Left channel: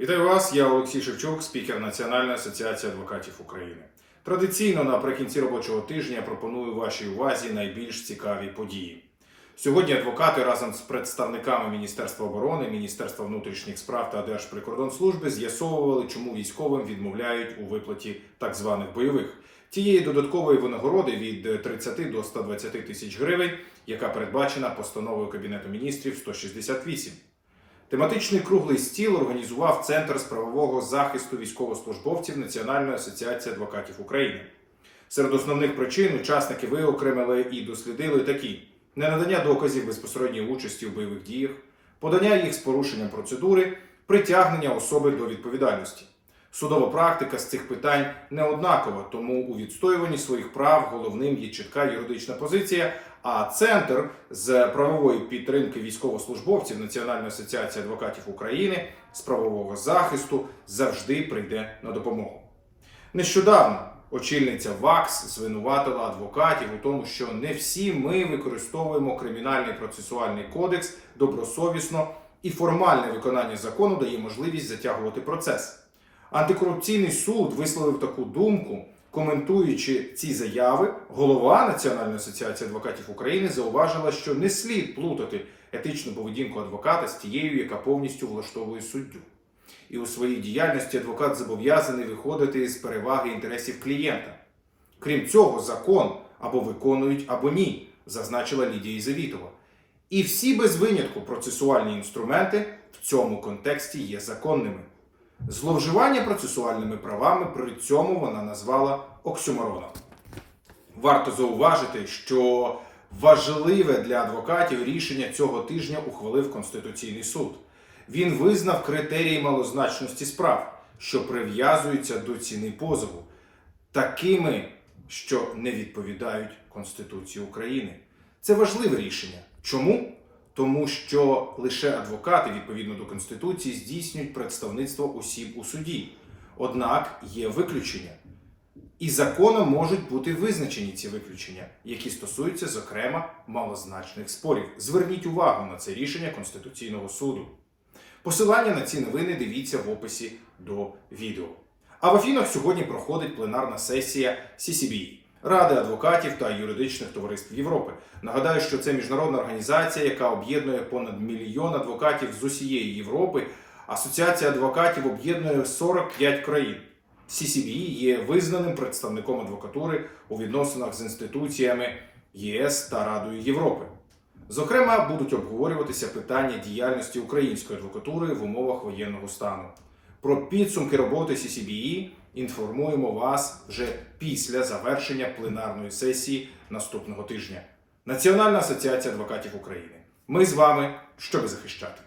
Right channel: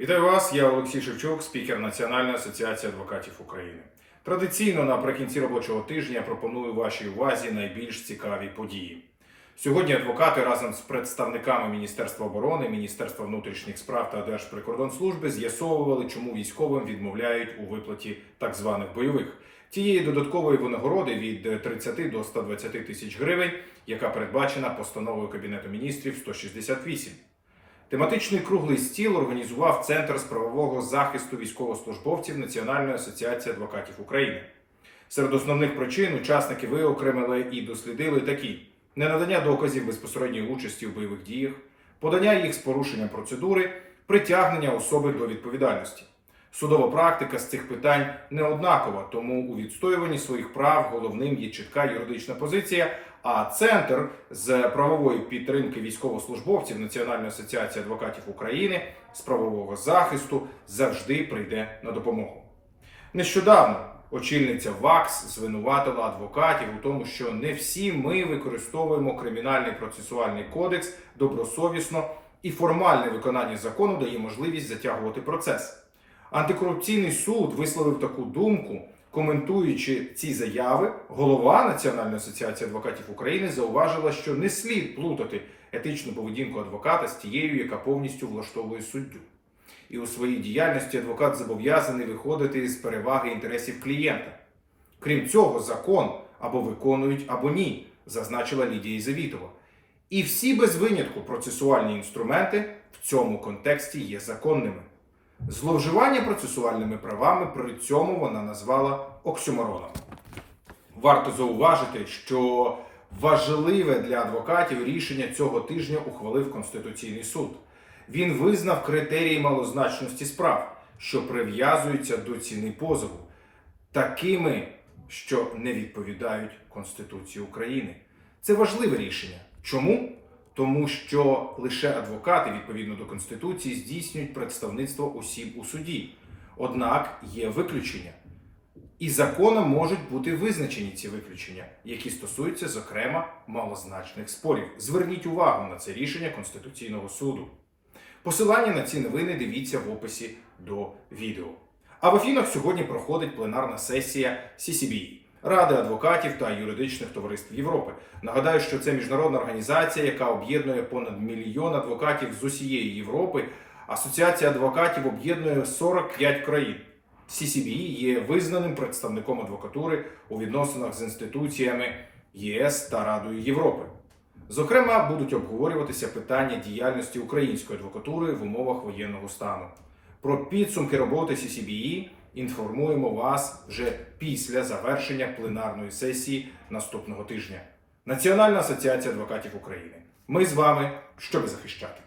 Вітаю вас, я Олексій Шевчук, спікер Національної асоціації адвокатів України. Традиційно наприкінці робочого тижня пропоную вашій увазі найбільш цікаві події. Сьогодні адвокати разом з представниками Міністерства оборони, Міністерства внутрішніх справ та Держприкордонслужби з'ясовували, чому військовим відмовляють у виплаті так званих бойових. Тієї додаткової винагороди від 30 до 120 тисяч гривень, яка передбачена постановою Кабінету міністрів 168. Тематичний круглий стіл організував Центр з правового захисту військовослужбовців Національної асоціації адвокатів України. Серед основних причин учасники виокремили і дослідили такі: ненадання доказів безпосередньої участі в бойових діях, подання їх з порушенням процедури, притягнення особи до відповідальності. Судова практика з цих питань не однакова, тому у відстоюванні своїх прав головним є чітка юридична позиція. А центр з правової підтримки військовослужбовців Національної асоціації адвокатів України з правового захисту завжди прийде на допомогу. Нещодавно очільниця ВАКС звинуватила адвокатів у тому, що не всі ми використовуємо кримінальний процесуальний кодекс добросовісно, і формальне виконання закону дає можливість затягувати процес. Антикорупційний суд висловив таку думку, коментуючи ці заяви, голова Національної асоціації адвокатів України зауважила, що не слід плутати етичну поведінку адвоката з тією, яка повністю влаштовує суддю. І у своїй діяльності адвокат зобов'язаний виходити з переваги інтересів клієнта. Крім цього, закон або виконують, або ні, зазначила Лідія Ізавітова. І всі без винятку процесуальні інструменти в цьому контексті є законними. Зловживання процесуальними правами при цьому вона назвала оксюмороном. Варто зауважити, що важливе для адвокатів рішення цього тижня ухвалив Конституційний суд. Він визнав критерії малозначності справ, що прив'язуються до ціни позову, такими, що не відповідають Конституції України. Це важливе рішення. Чому? Тому що лише адвокати, відповідно до Конституції, здійснюють представництво осіб у суді. Однак є виключення. І законом можуть бути визначені ці виключення, які стосуються, зокрема, малозначних спорів. Зверніть увагу на це рішення Конституційного суду. Посилання на ці новини дивіться в описі до відео. А в Афінах сьогодні проходить пленарна сесія CCBE – Ради адвокатів та юридичних товариств Європи. Нагадаю, що це міжнародна організація, яка об'єднує понад мільйон адвокатів з усієї Європи. Асоціація адвокатів об'єднує 45 країн. CCBE є визнаним представником адвокатури у відносинах з інституціями ЄС та Радою Європи. Зокрема, будуть обговорюватися питання діяльності української адвокатури в умовах воєнного стану. Про підсумки роботи CCBE інформуємо вас вже після завершення пленарної сесії наступного тижня. Національна асоціація адвокатів України. Ми з вами, щоб захищати.